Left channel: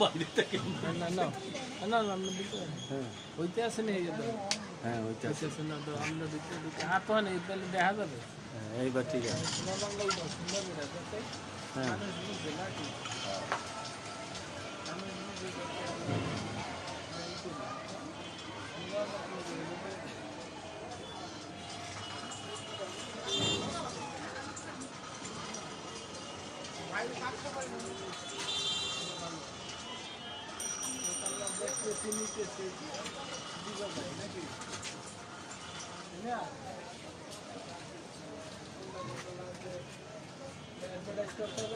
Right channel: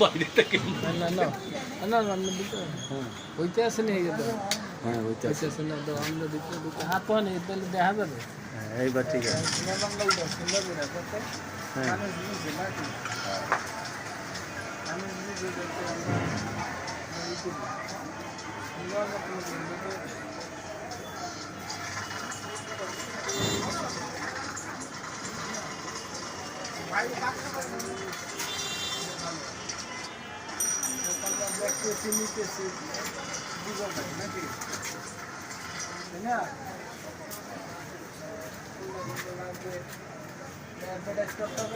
বাইরে থেকে না না না না না আমরা দিতে হ্যাঁ হইতে আছে না এই তো হ্যাঁ হইতে হইতে আছে না তো আমরা দিতে দিতে হাত তো নেই তাহলে দেখা যাবে হ্যাঁ এইবার ঠিক আছে হ্যাঁ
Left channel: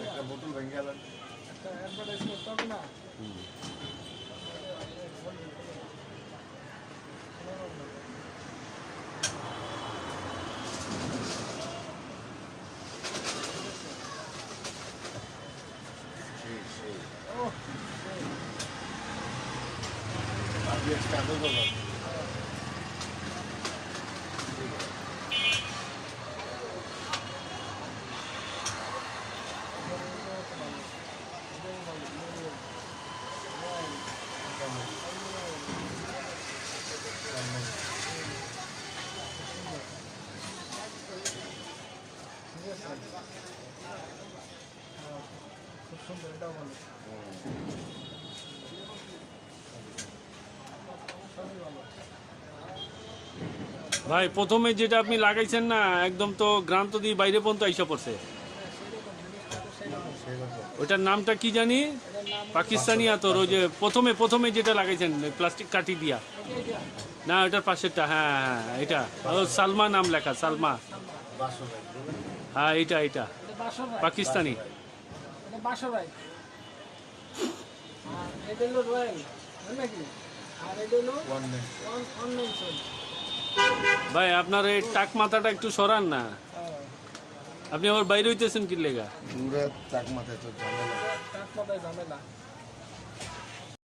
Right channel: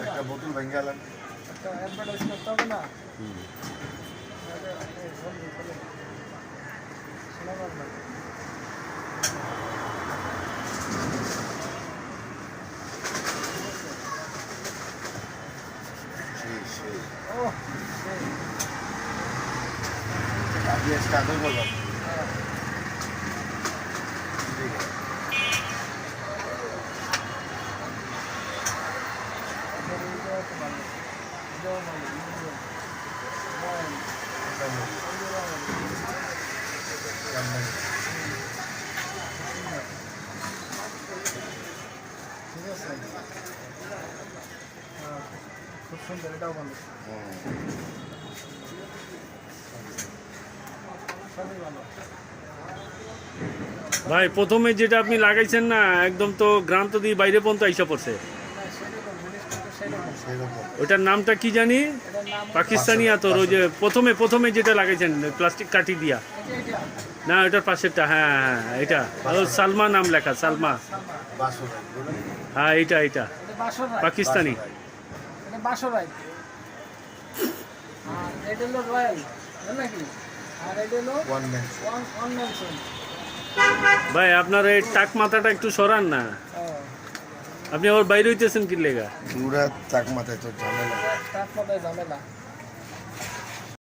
একটা বোতল ভেঙে গেলাম আপনি স্টার্ট হয়ে বলবেন খুব সুন্দর এটাও ভালো ভাই প্রথমে যেটা আপনি লাগাইছেন না একদম তো গ্রাম তো দিয়ে বাইরে পর্যন্ত আইসা পড়ছে ওইটার নামটা কি জানি পাকিস্তানি আতর ওই যে প্রথমে যেটা লাগাইছেন প্লাস্টিক কাঠি দিয়া না ওইটার পাশেরটা হ্যাঁ হ্যাঁ এটা সালমা নাম লেখা সালমা হ্যাঁ এইটা পাকিস্তানি বাসরাই আর এটা হলো রয়্যাল নাকি আর এটা হলো ওয়ান মেনশন ভাই আপনার এই টাক মাথাটা একটু সরান না আপনি আবার বাইরে হইতেছেন কি লেগা পুরা চাক মাথায় তো ঝামেলা টাক মাথায় ঝামেলা